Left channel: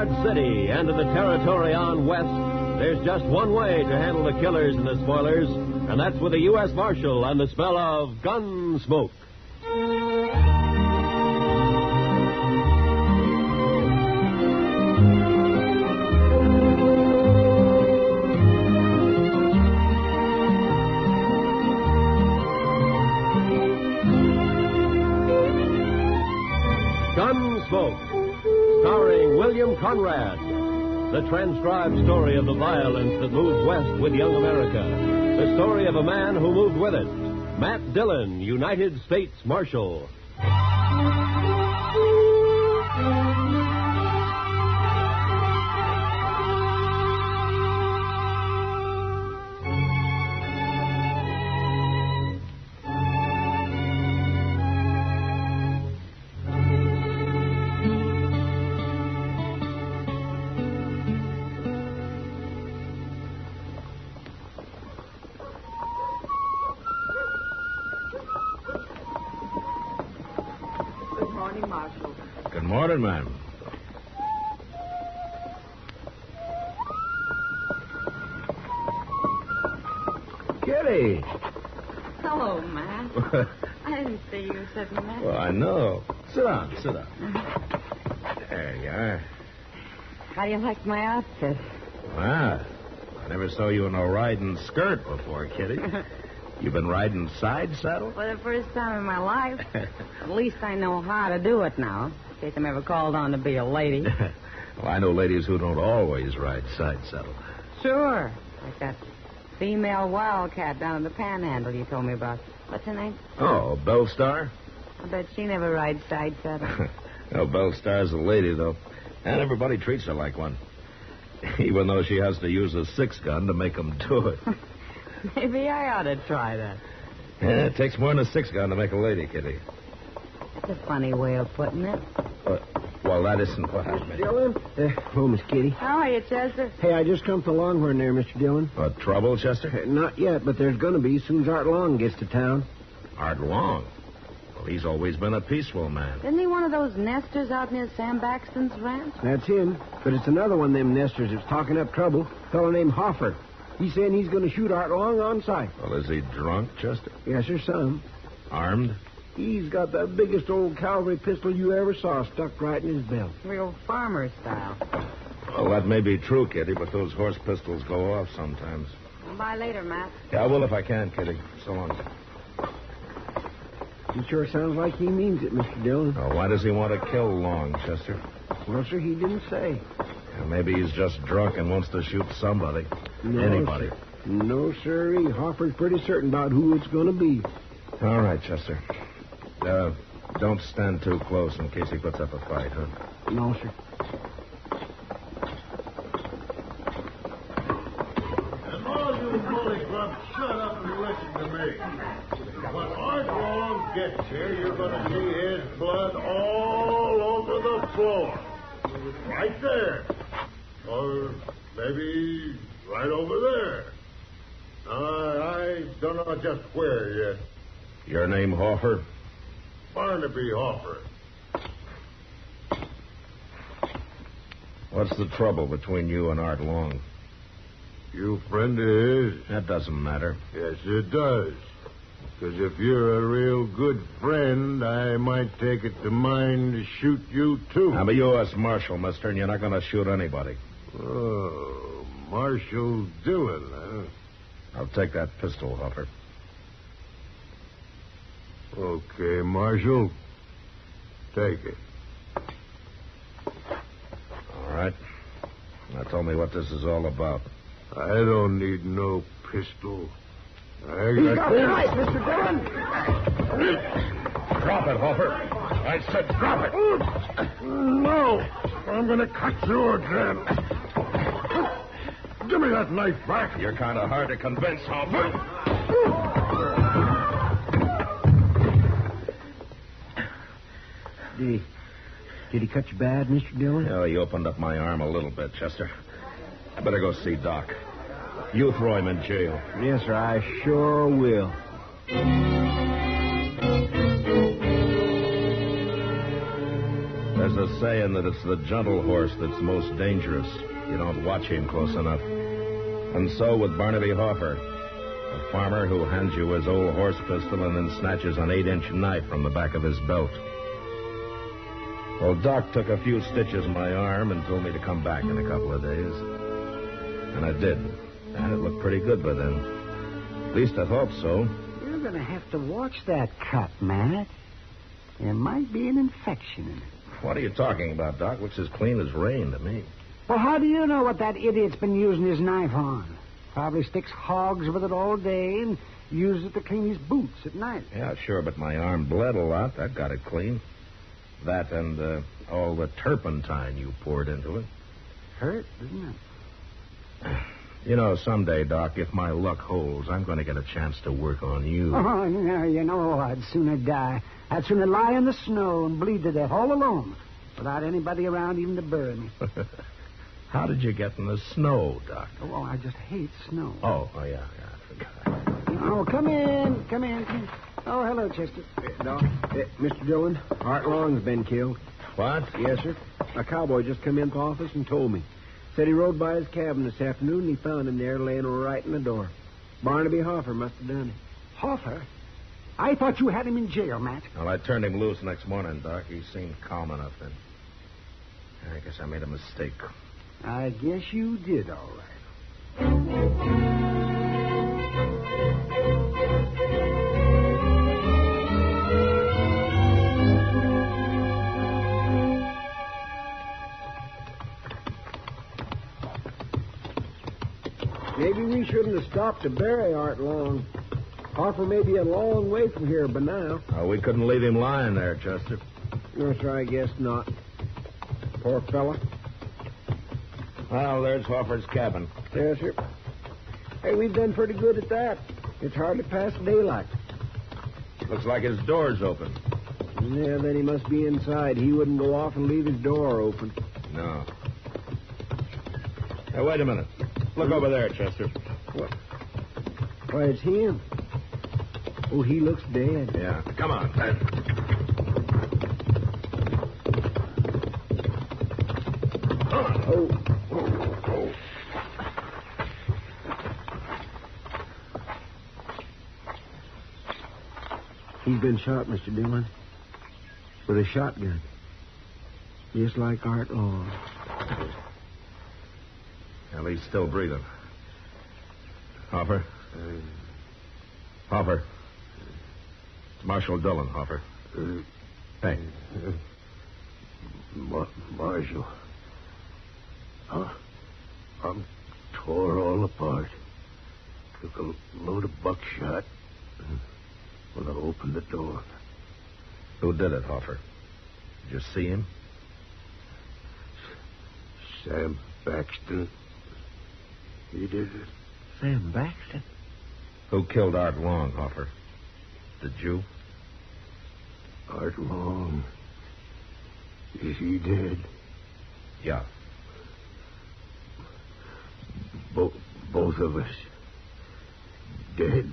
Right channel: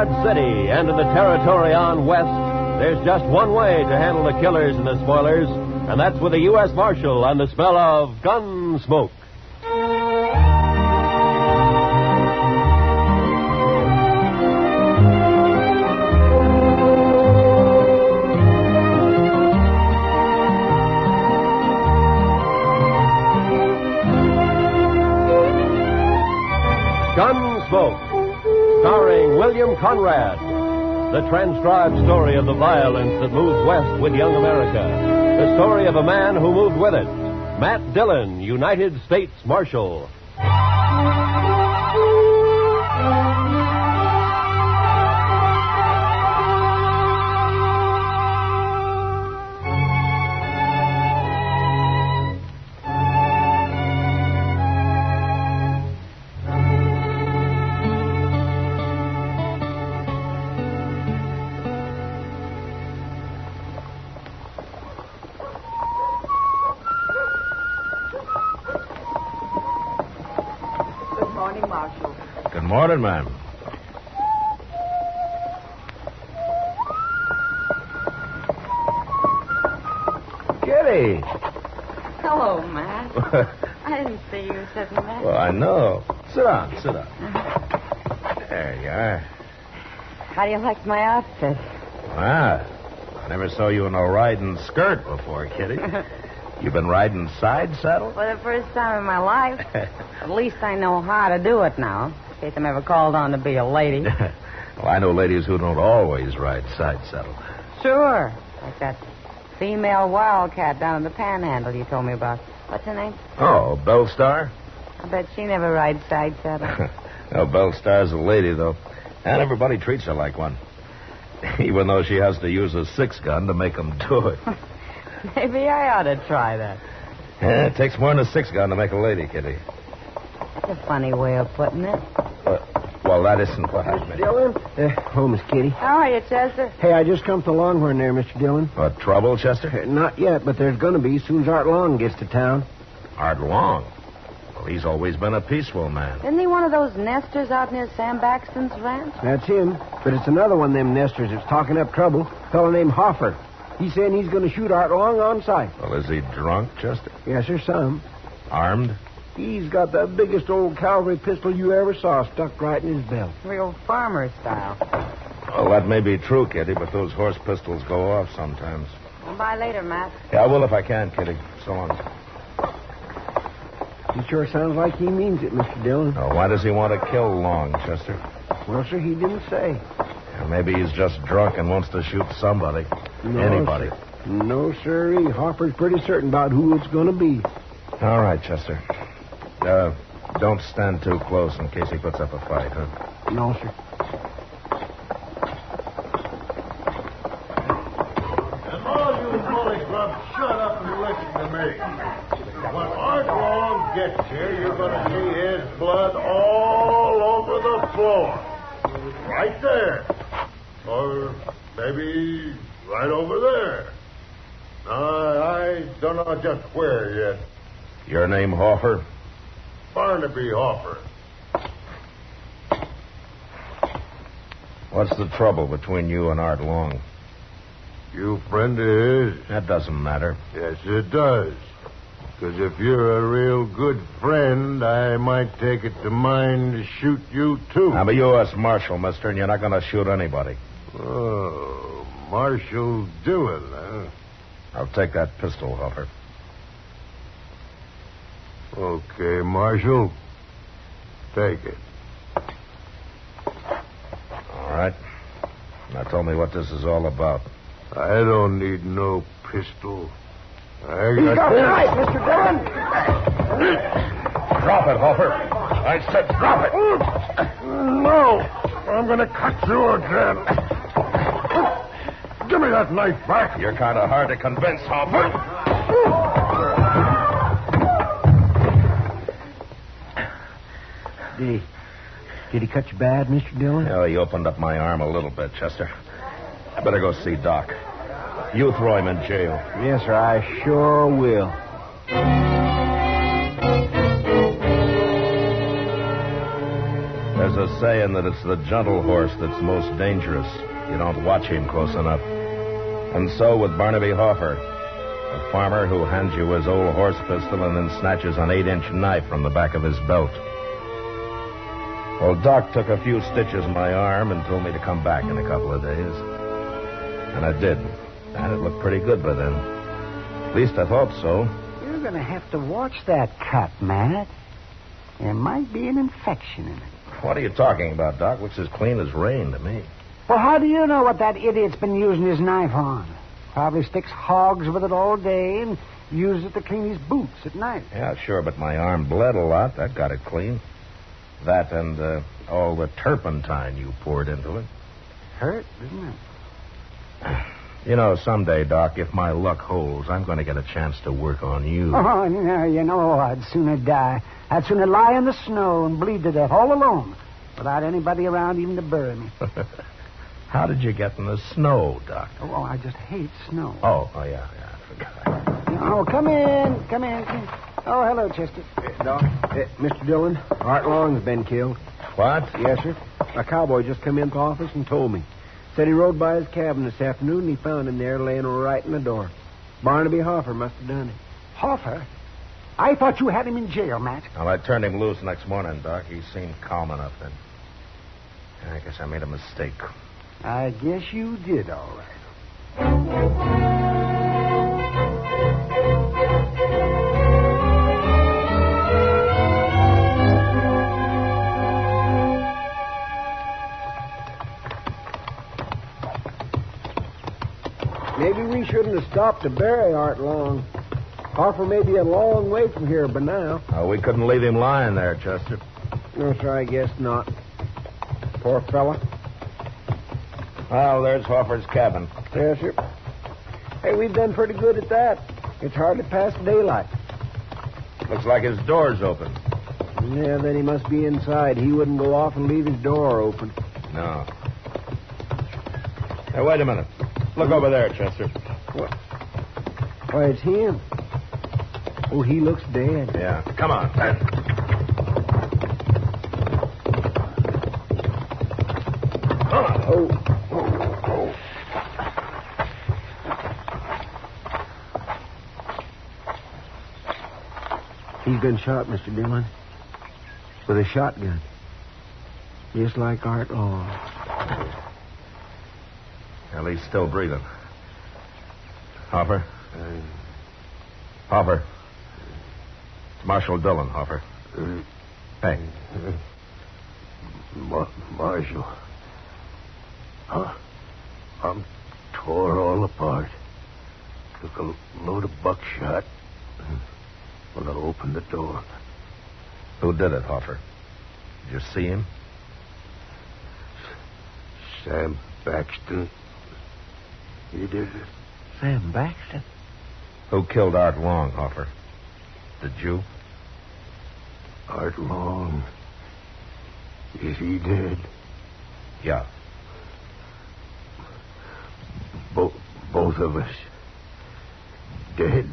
Dodge City and in the territory on west, there's just one way to handle the killers and the spoilers, and that's with a U.S. Marshal and the smell of Gunsmoke. Gunsmoke, starring William Conrad. The transcribed story of the violence that moved west with young America. The story of a man who moved with it. Matt Dillon, United States Marshal. Good morning, ma'am. Kitty. Hello, Matt. I didn't see you sitting there. Well, I know. Sit down. There you are. How do you like my outfit? Wow. I never saw you in a riding skirt before, Kitty. You been riding side saddle? For the first time in my life. At least I know how to do it now, in case I'm ever called on to be a lady. Well, I know ladies who don't always ride side saddle. Sure. Like that female wildcat down in the Panhandle you told me about. What's her name? Oh, Bellstar? I bet she never rides side saddle. No, Bellstar's a lady, though. And everybody treats her like one. Even though she has to use a 6-gun to make them do it. Maybe I ought to try that. Yeah, it takes more than a 6-gun to make a lady, Kitty. That's a funny way of putting it. Well, that isn't what I meant. Dillon? Hello, Miss Kitty. How are you, Chester? Hey, I just come to Longhorn there, Mr. Dillon. What, trouble, Chester? Not yet, but there's going to be as soon as Art Long gets to town. Art Long? Well, he's always been a peaceful man. Isn't he one of those nesters out near Sam Baxton's ranch? That's him. But it's another one of them nesters that's talking up trouble. A fellow named Hoffer. He's saying he's going to shoot Art Long on sight. Well, is he drunk, Chester? Yes, sir, some. Armed? He's got the biggest old cavalry pistol you ever saw stuck right in his belt. Real farmer style. Well, that may be true, Kitty, but those horse pistols go off sometimes. I'll buy later, Matt. Yeah, I will if I can, Kitty. So long. He sure sounds like he means it, Mr. Dillon. Now, why does he want to kill Long, Chester? Well, sir, he didn't say. Maybe he's just drunk and wants to shoot somebody. No, Anybody. Sir. No, sir. Hoffer's pretty certain about who it's going to be. All right, Chester. Don't stand too close in case he puts up a fight, huh? No, sir. And all you molly grubs, shut up and listen to me. When Art Long gets here, you're going to see his blood all over the floor. Right there. Or maybe right over there. I don't know just where yet. Your name, Hoffer? Barnaby Hoffer. What's the trouble between you and Art Long? You friend of his? That doesn't matter. Yes, it does. Because if you're a real good friend, I might take it to mind to shoot you, too. I'm a U.S. Marshal, mister, and you're not going to shoot anybody. Oh, Marshal Dillon, huh? I'll take that pistol, Hoffer. Okay, Marshal. Take it. All right. Now tell me what this is all about. I don't need no pistol. He's got a knife, Mr. Dillon. Drop it, Hoffer. I said drop it. No, I'm going to cut you again. Give me that knife back. You're kind of hard to convince, Hoffer. Did he cut you bad, Mr. Dillon? Oh, he opened up my arm a little bit, Chester. I better go see Doc. You throw him in jail. Yes, sir, I sure will. There's a saying that it's the gentle horse that's most dangerous. You don't watch him close enough. And so with Barnaby Hoffer, a farmer who hands you his old horse pistol and then snatches an 8-inch knife from the back of his belt. Well, Doc took a few stitches in my arm and told me to come back in a couple of days. And I did. And it looked pretty good by then. At least I thought so. You're going to have to watch that cut, Matt. There might be an infection in it. What are you talking about, Doc? Looks as clean as rain to me. Well, how do you know what that idiot's been using his knife on? Probably sticks hogs with it all day and uses it to clean his boots at night. Yeah, sure, but my arm bled a lot. That got it clean. That and all the turpentine you poured into it. Hurt, didn't it? You know, someday, Doc, if my luck holds, I'm going to get a chance to work on you. Oh, no, you know, I'd sooner die. I'd sooner lie in the snow and bleed to death all alone without anybody around even to bury me. How did you get in the snow, Doc? Oh, I just hate snow. Oh, yeah, I forgot. Oh, come in. Oh, hello, Chester. Doc, Mr. Dillon, Art Long's been killed. What? Yes, sir. A cowboy just come into the office and told me. Said he rode by his cabin this afternoon and he found him there laying right in the door. Barnaby Hoffer must have done it. Hoffer? I thought you had him in jail, Matt. Well, I turned him loose next morning, Doc. He seemed calm enough then. I guess I made a mistake. I guess you did, all right. Maybe we shouldn't have stopped to bury Art Long. Hoffer may be a long way from here by now. Oh, we couldn't leave him lying there, Chester. No, sir, I guess not. Poor fella. Well, there's Hoffer's cabin. Yes, sir. Hey, we've done pretty good at that. It's hardly past daylight. Looks like his door's open. Yeah, then he must be inside. He wouldn't go off and leave his door open. No. Hey, wait a minute. Look over there, Chester. What? Why, it's him. Oh, he looks dead. Yeah. Come on, Ben. Come on. Oh. He's been shot, Mr. Dillon. With a shotgun. Just like Art Long. Well, he's still breathing. Hoffer? Hoffer. Marshal Dillon, Hoffer. Hey. Marshal. I'm tore all apart. Took a load of buckshot when I opened the door. Who did it, Hoffer? Did you see him? Sam Baxton. He did it. Sam Baxter? Who killed Art Long, Hoffer? Did you? Art Long. Is he dead? Yeah. Both of us. Dead.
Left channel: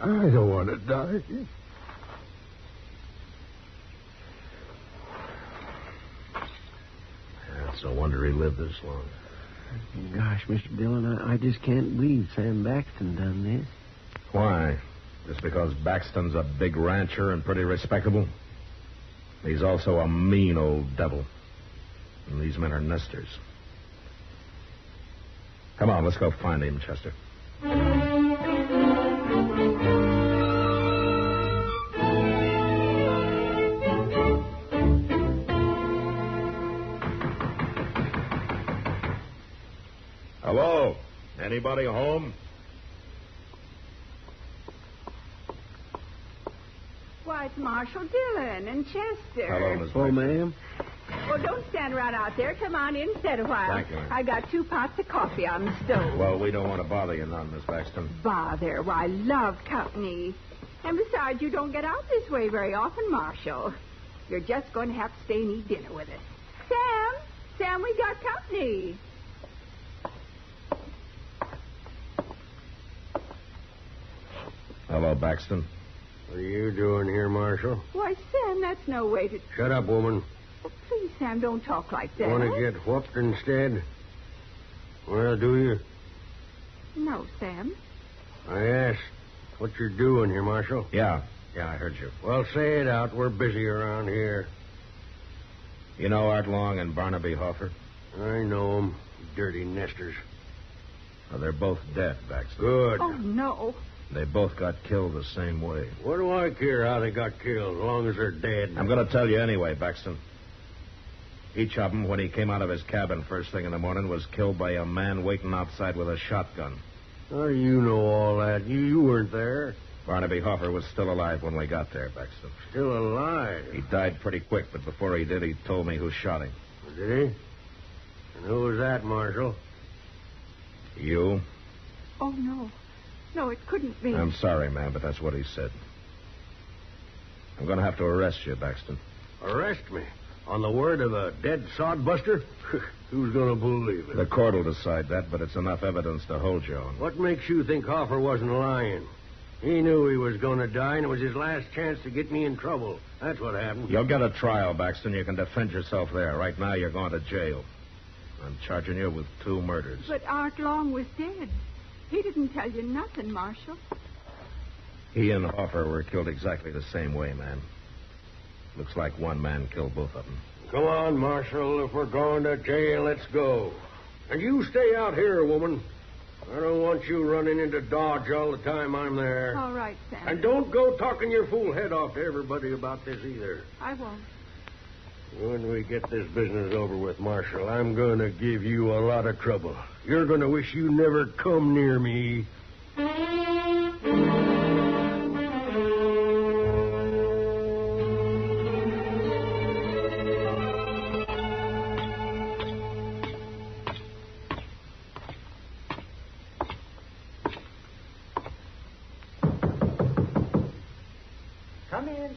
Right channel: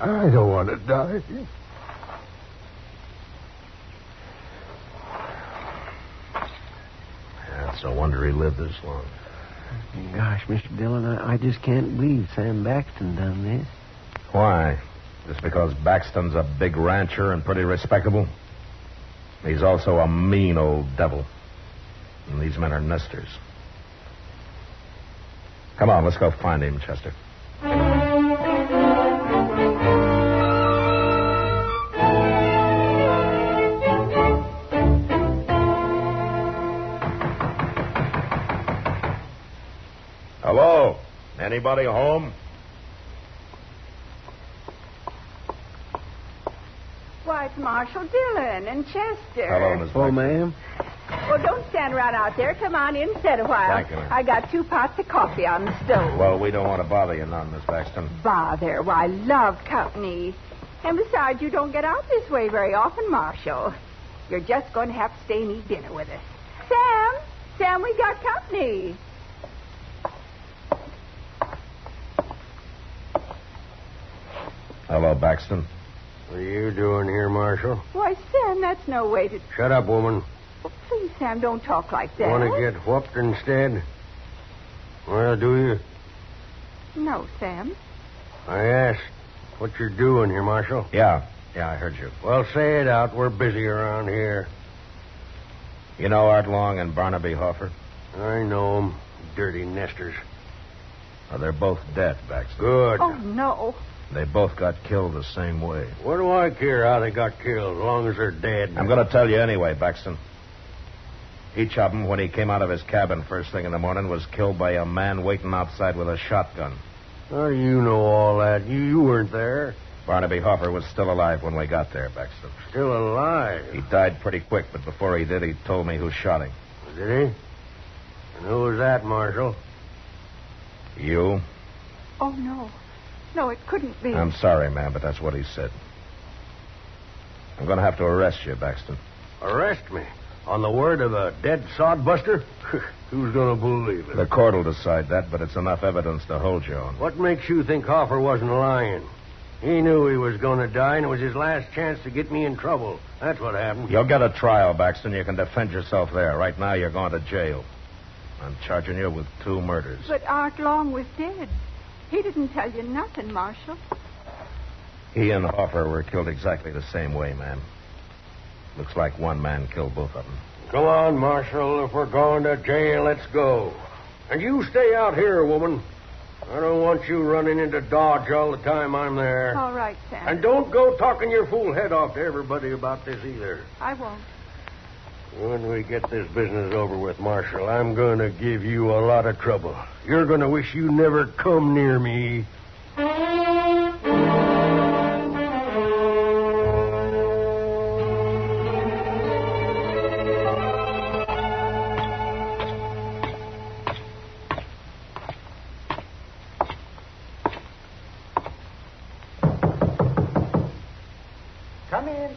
I don't want to die. It's no wonder he lived this long. Gosh, Mr. Dillon, I just can't believe Sam Baxton done this. Why? Just because Baxton's a big rancher and pretty respectable? He's also a mean old devil. And these men are nesters. Come on, let's go find him, Chester. Hello? Anybody home? Why, it's Marshal Dillon and Chester. Hello, Miss Hello, Baxter. ma'am. Well, don't stand around out there. Come on in and sit a while. Thank you, ma'am. I got 2 pots of coffee on the stove. Well, we don't want to bother you none, Miss Baxton. Bother. Why, I love company. And besides, you don't get out this way very often, Marshal. You're just going to have to stay and eat dinner with us. Sam, we got company. Hello, Baxton. What are you doing here, Marshal? Why, Sam, that's no way to... Shut up, woman. Please, Sam, don't talk like that. Want to get whooped instead? Well, do you? No, Sam. I asked what you're doing here, Marshal. Yeah, I heard you. Well, say it out. We're busy around here. You know Art Long and Barnaby Hoffer? I know 'em. Dirty nesters. Well, they're both dead, Baxter. Good. Oh, no. They both got killed the same way. What do I care how they got killed, as long as they're dead? I'm going to tell you anyway, Baxton. Each of them, when he came out of his cabin first thing in the morning, was killed by a man waiting outside with a shotgun. Oh, you know all that. You weren't there. Barnaby Hoffer was still alive when we got there, Baxton. Still alive? He died pretty quick, but before he did, he told me who shot him. Did he? And who was that, Marshal? You? Oh, no. No, it couldn't be. I'm sorry, ma'am, but that's what he said. I'm going to have to arrest you, Baxton. Arrest me? On the word of a dead sodbuster? Who's going to believe it? The court will decide that, but it's enough evidence to hold you on. What makes you think Hoffer wasn't lying? He knew he was going to die, and it was his last chance to get me in trouble. That's what happened. You'll get a trial, Baxton. You can defend yourself there. Right now, you're going to jail. I'm charging you with 2 murders. But Art Long was dead. He didn't tell you nothing, Marshal. He and Hoffer were killed exactly the same way, ma'am. Looks like one man killed both of them. Come on, Marshal. If we're going to jail, let's go. And you stay out here, woman. I don't want you running into Dodge all the time I'm there. All right, Sam. And don't go talking your fool head off to everybody about this either. I won't. When we get this business over with, Marshal, I'm going to give you a lot of trouble. You're going to wish you never come near me. Come in.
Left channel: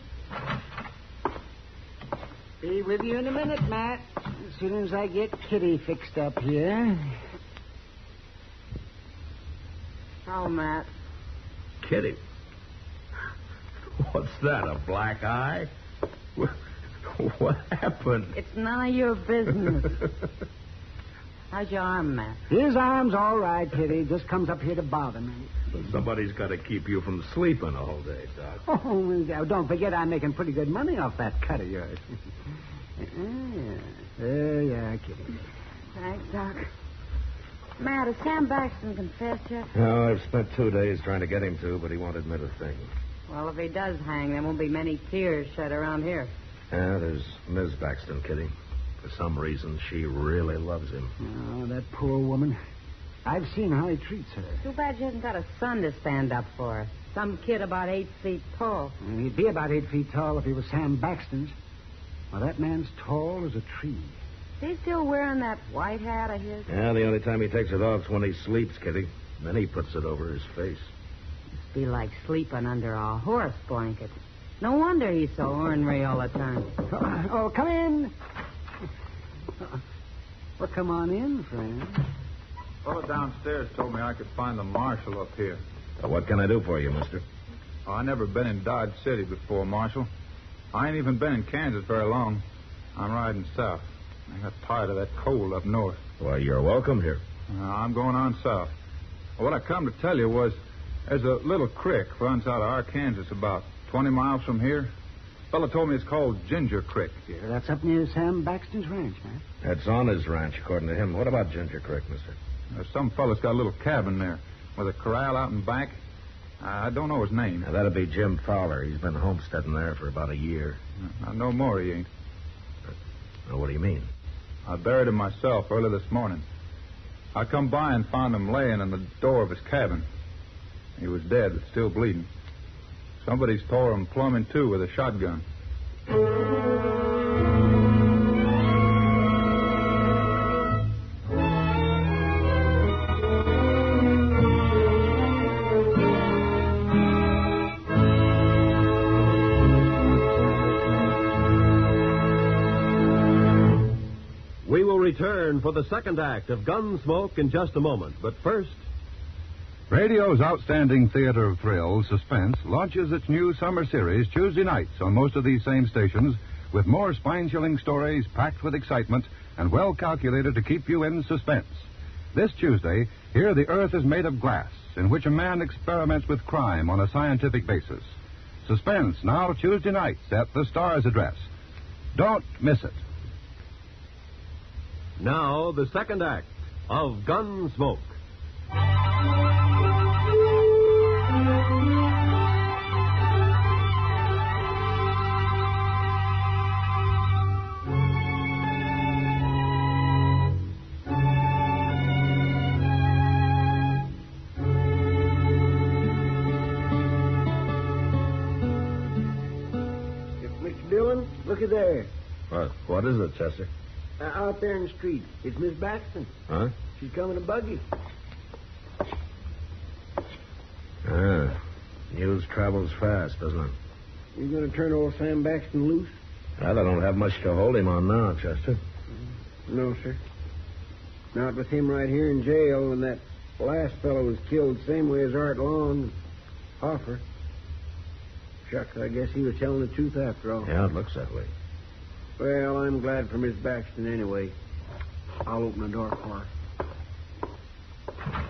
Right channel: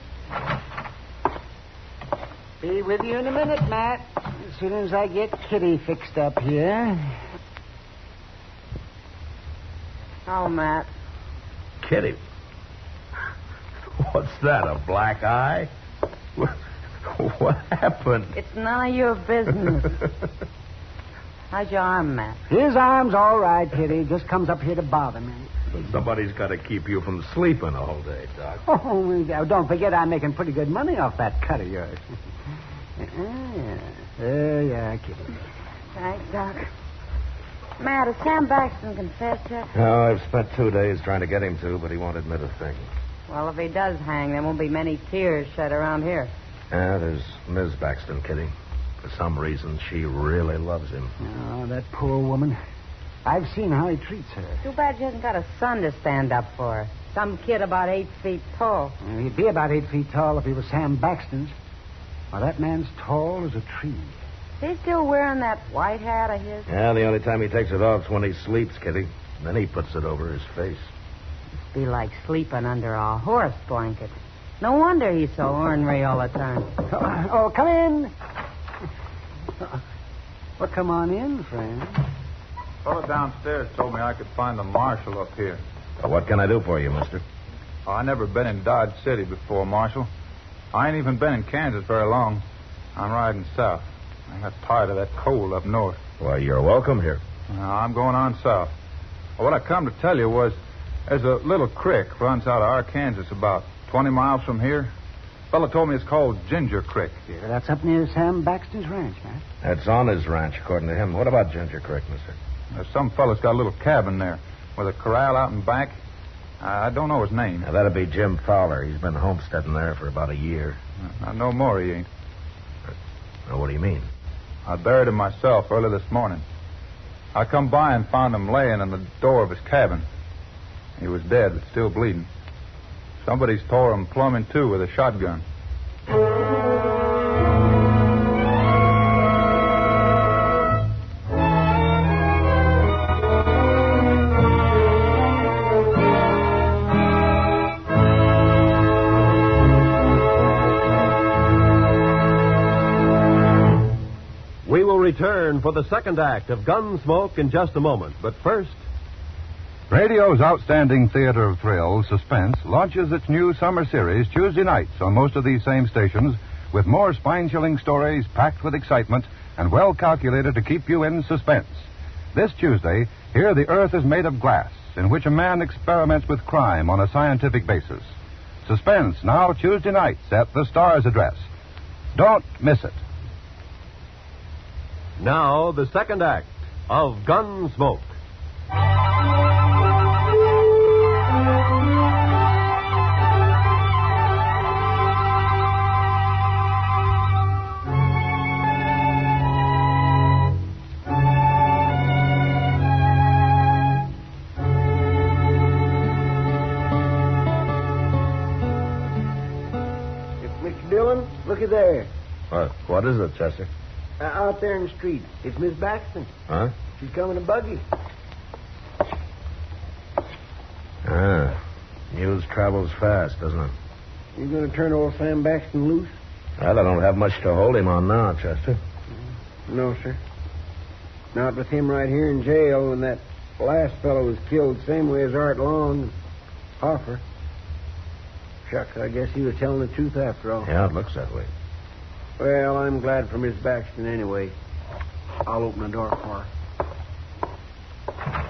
Be with you in a minute, Matt. As soon as I get Kitty fixed up here. Oh, Matt. Kitty. What's that, a black eye? What happened? It's none of your business. How's your arm, Matt? His arm's all right, Kitty. Just comes up here to bother me. Somebody's got to keep you from sleeping all day, Doc. Oh, don't forget I'm making pretty good money off that cut of yours. Yeah, Kitty. Thanks, Doc. Matt, has Sam Baxton confessed yet? No, I've spent 2 days trying to get him to, but he won't admit a thing. Well, if he does hang, there won't be many tears shed around here. Yeah, there's Ms. Baxton, Kitty. For some reason, she really loves him. Oh, that poor woman. I've seen how he treats her. Too bad she hasn't got a son to stand up for her. Some kid about 8 feet tall. He'd be about 8 feet tall if he was Sam Baxton's. Well, that man's tall as a tree. Is he still wearing that white hat of his? Yeah, the only time he takes it off is when he sleeps, Kitty. Then he puts it over his face. Be like sleeping under a horse blanket. No wonder he's so ornery all the time. Oh, come in. Well, come on in, friend. Fellow downstairs told me I could find the marshal up here. Well, what can I do for you, mister? Oh, I never been in Dodge City before, Marshal. I ain't even been in Kansas very long. I'm riding south. I got tired of that cold up north. Well, you're welcome here. I'm going on south. Well, what I come to tell you was there's a little creek runs out of Arkansas about 20 miles from here. Fellow told me it's called Ginger Creek. Yeah, that's up near Sam Baxton's ranch, Matt. That's on his ranch, according to him. What about Ginger Creek, mister? There's some fellow's got a little cabin there with a corral out in back. I don't know his name. Now, that'd be Jim Fowler. He's been homesteading there for about a year. No more he ain't. Now, what do you mean? I buried him myself early this morning. I come by and found him laying in the door of his cabin. He was dead, but still bleeding. Somebody's tore him plumb in two with a shotgun. We will return for the second act of Gunsmoke in just a moment. But first, Radio's outstanding theater of thrills, Suspense, launches its new summer series Tuesday nights on most of these same stations with more spine-chilling stories packed with excitement and well calculated to keep you in suspense. This Tuesday, here The Earth is Made of Glass, in which a man experiments with crime on a scientific basis. Suspense, now Tuesday nights at the Star's address. Don't miss it. Now, the second act of Gunsmoke. Mr. Dillon, look at there. What is it, Chester? Out there in the street. It's Miss Baxton. Huh? She's coming in a buggy. News travels fast, doesn't it? You going to turn old Sam Baxton loose? Well, I don't have much to hold him on now, Chester. No, sir. Not with him right here in jail when that last fellow was killed same way as Art Long and Hoffer. Shucks, I guess he was telling the truth after all. Yeah, it looks that way. Well, I'm glad for Miss Baxton anyway. I'll open the door for her.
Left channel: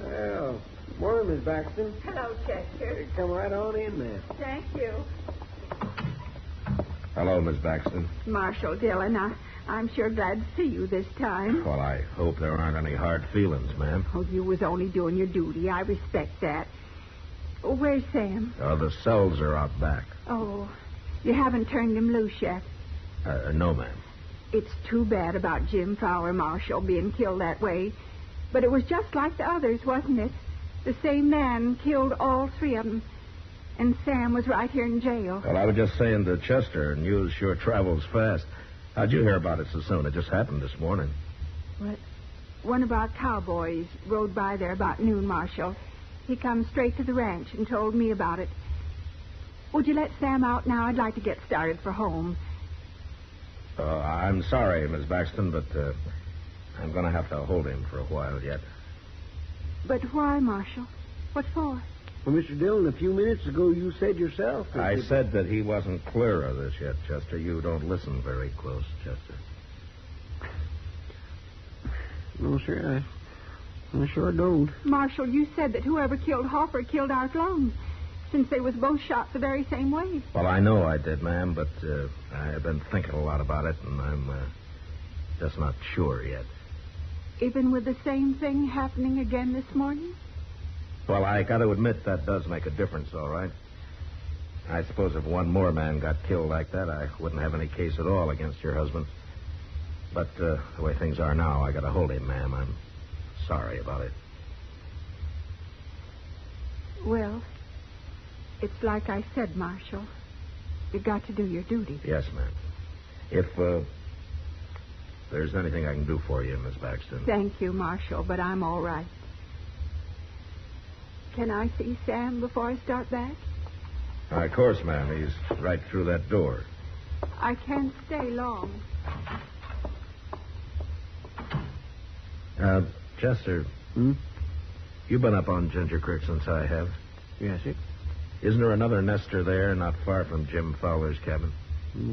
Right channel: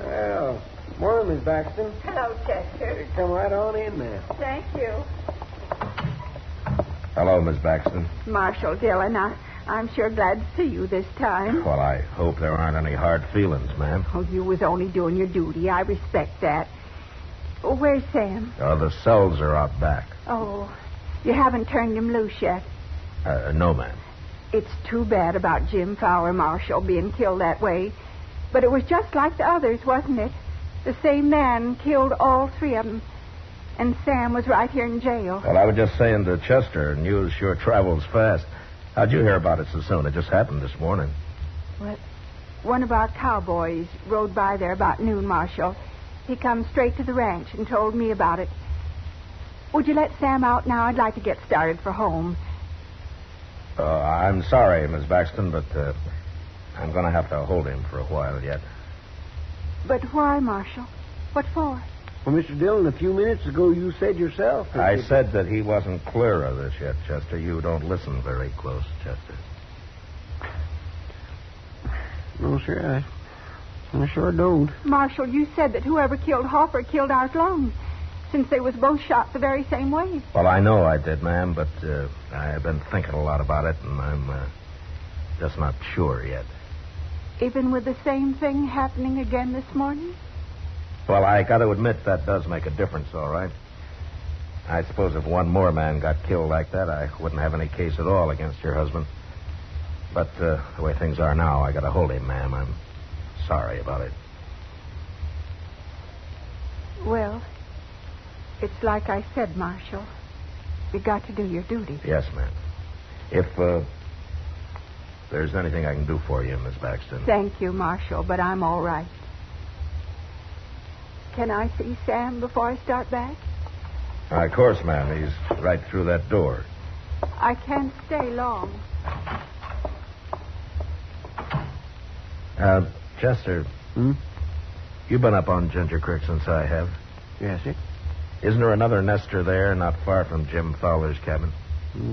Well, morning, Miss Baxton. Hello, Chester. Come right on in there. Thank you. Hello, Miss Baxton. Marshal Dillon, I'm sure glad to see you this time. Well, I hope there aren't any hard feelings, ma'am. Oh, you was only doing your duty. I respect that. Oh, where's Sam? The cells are out back. Oh, you haven't turned him loose yet. No, ma'am. It's too bad about Jim Fowler, Marshal, being killed that way. But it was just like the others, wasn't it? The same man killed all three of them. And Sam was right here in jail. Well, I was just saying to Chester, news sure travels fast. How'd you hear about it so soon? It just happened this morning. What? One of our cowboys rode by there about noon, Marshal. He come straight to the ranch and told me about it. Would you let Sam out now? I'd like to get started for home. I'm sorry, Miss Baxton, but I'm going to have to hold him for a while yet. But why, Marshal? What for? Well, Mr. Dillon, a few minutes ago you said yourself... I said that he wasn't clear of this yet, Chester. You don't listen very close, Chester. No, sir, I sure don't. Marshal, you said that whoever killed Hoffer killed Art Long, since they was both shot the very same way. Well, I know I did, ma'am, but I've been thinking a lot about it, and I'm just not sure yet. Even with the same thing happening again this morning? Well, I got to admit that does make a difference, all right. I suppose if one more man got killed like that, I wouldn't have any case at all against your husband. But the way things are now, I got to hold him, ma'am. I'm sorry about it. Well, it's like I said, Marshal. You got to do your duty. Yes, ma'am. If there's anything I can do for you, Miss Baxton. Thank you, Marshal, but I'm all right. Can I see Sam before I start back? Of course, ma'am. He's right through that door. I can't stay long. Chester. You've been up on Ginger Creek since I have. Yes, sir. Isn't there another nester there, not far from Jim Fowler's cabin?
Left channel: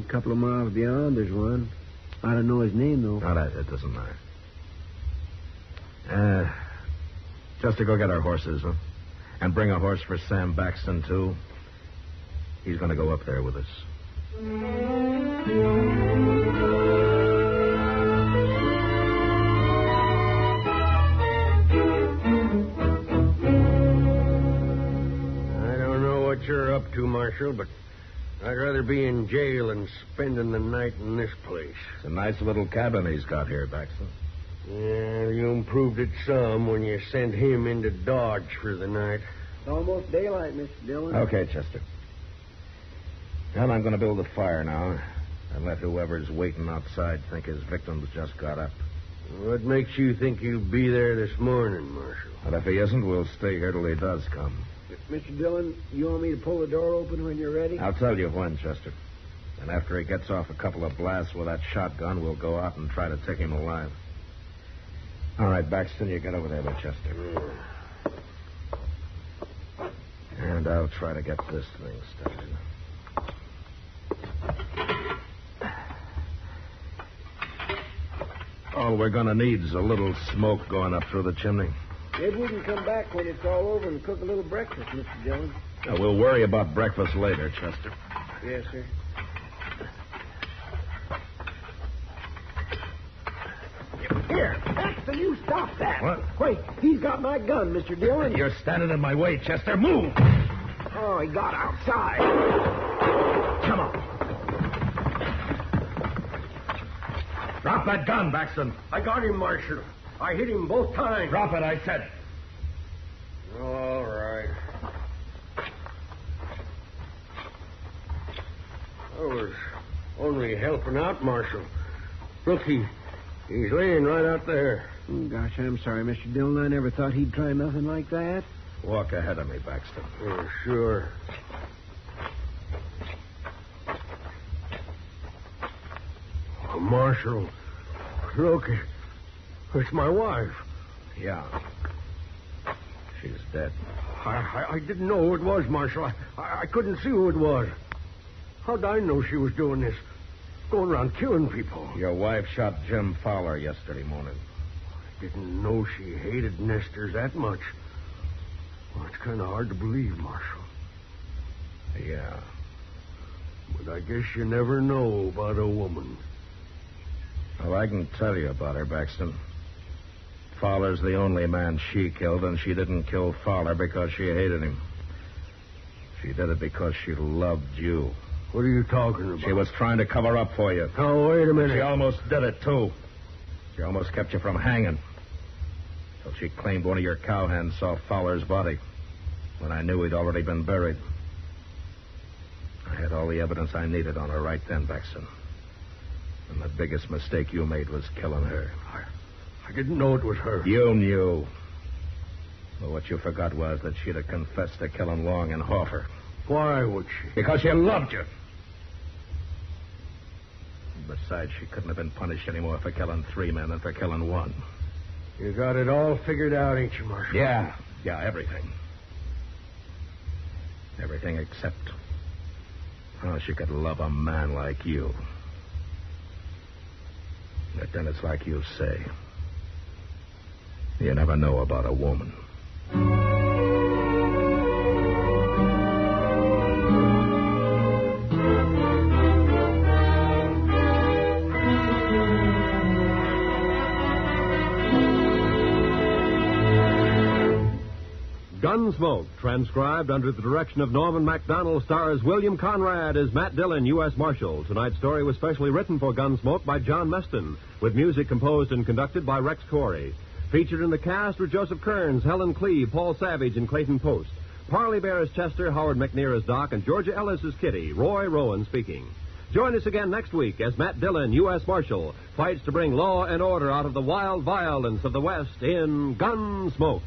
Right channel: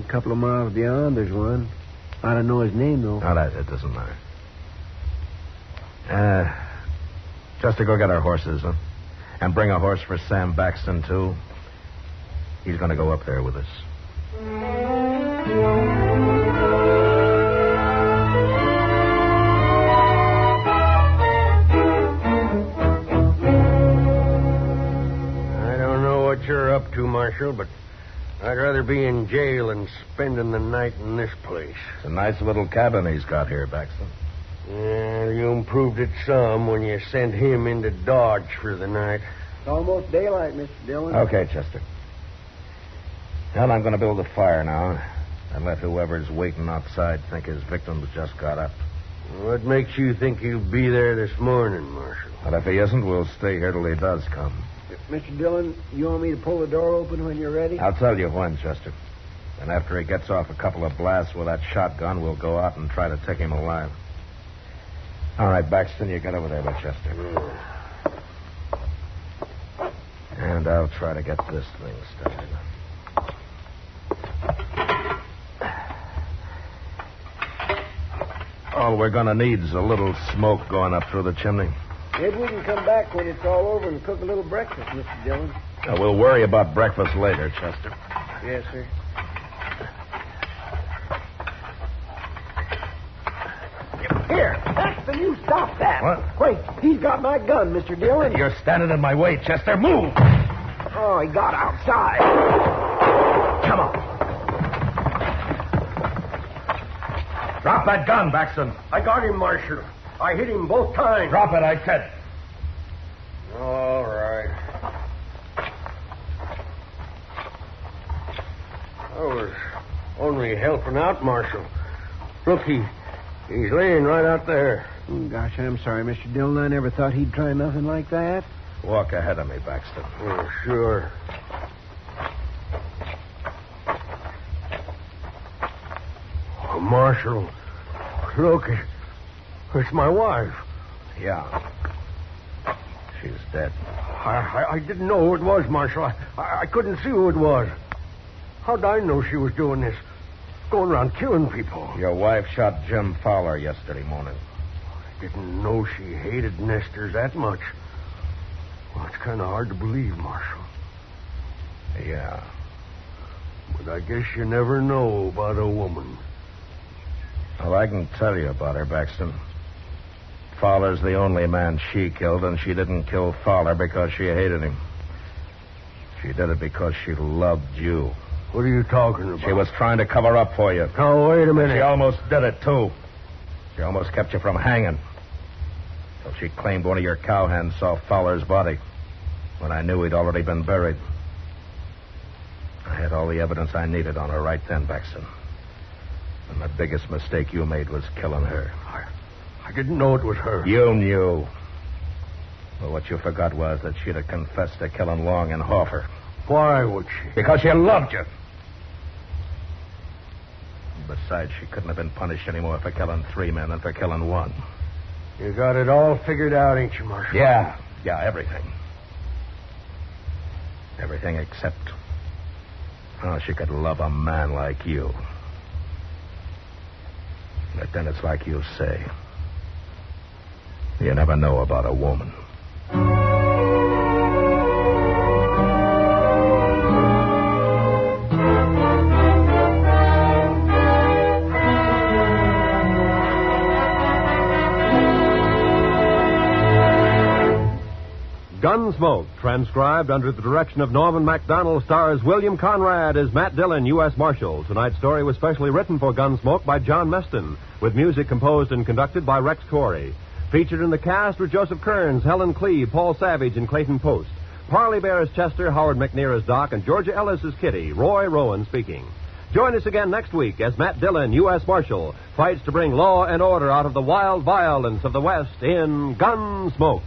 A couple of miles beyond, there's one. I don't know his name, though. Oh, it doesn't matter. Chester, go get our horses, huh? And bring a horse for Sam Baxton, too. He's going to go up there with us. I don't know what you're up to, Marshal, but I'd rather be in jail than spending the night in this place. It's a nice little cabin he's got here, Baxton. Yeah, you improved it some when you sent him into Dodge for the night. It's almost daylight, Mr. Dillon. Okay, Chester. Well, I'm going to build a fire now and let whoever's waiting outside think his victim's just got up. What makes you think he'll be there this morning, Marshal? But if he isn't, we'll stay here till he does come. Mr. Dillon, you want me to pull the door open when you're ready? I'll tell you when, Chester. And after he gets off a couple of blasts with that shotgun, we'll go out and try to take him alive. All right, Baxton, you get over there with Chester. and I'll try to get this thing started. All we're going to need is a little smoke going up through the chimney. Maybe we can come back when it's all over and cook a little breakfast, Mr. Dillon. Now, we'll worry about breakfast later, Chester. Yes, sir. Here, Meston, you stop that. What? Wait, he's got my gun, Mr. Dillon. You're standing in my way, Chester. Move! Oh, he got outside. Come on. Drop that gun, Baxton. I got him, Marshal. I hit him both times. Drop it, I said. All right. I was only helping out, Marshal. Look, he's laying right out there. Oh, gosh, I'm sorry, Mr. Dillon. I never thought he'd try nothing like that. Walk ahead of me, Baxton. Oh, sure. Oh, Marshal, look, it's my wife. Yeah. She's dead. I didn't know who it was, Marshal. I couldn't see who it was. How'd I know she was doing this? Going around killing people. Your wife shot Jim Fowler yesterday morning. I didn't know she hated nesters that much. Well, it's kind of hard to believe, Marshal. Yeah. But I guess you never know about a woman. Well, I can tell you about her, Baxton. Fowler's the only man she killed, and she didn't kill Fowler because she hated him. She did it because she loved you. What are you talking about? She was trying to cover up for you. Now, wait a minute. She almost did it, too. She almost kept you from hanging. So she claimed one of your cowhands saw Fowler's body when I knew he'd already been buried. I had all the evidence I needed on her right then, Baxton. And the biggest mistake you made was killing her. I didn't know it was her. You knew. Well, what you forgot was that she'd have confessed to killing Long and Hoffer. Why would she? Because she loved you. Besides, she couldn't have been punished anymore for killing 3 men than for killing 1. You got it all figured out, ain't you, Marshal? Yeah, everything. Everything except how she could love a man like you. But then it's like you say. You never know about a woman. Gunsmoke, transcribed under the direction of Norman MacDonnell, stars William Conrad as Matt Dillon, U.S. Marshal. Tonight's story was specially written for Gunsmoke by John Meston, with music composed and conducted by Rex Corey. Featured in the cast were Joseph Kearns, Helen Cleve, Paul Savage, and Clayton Post. Parley Baer as Chester, Howard McNear as Doc, and Georgia Ellis as Kitty. Roy Rowan speaking. Join us again next week as Matt Dillon, U.S. Marshal, fights to bring law and order out of the wild violence of the West in Gunsmoke.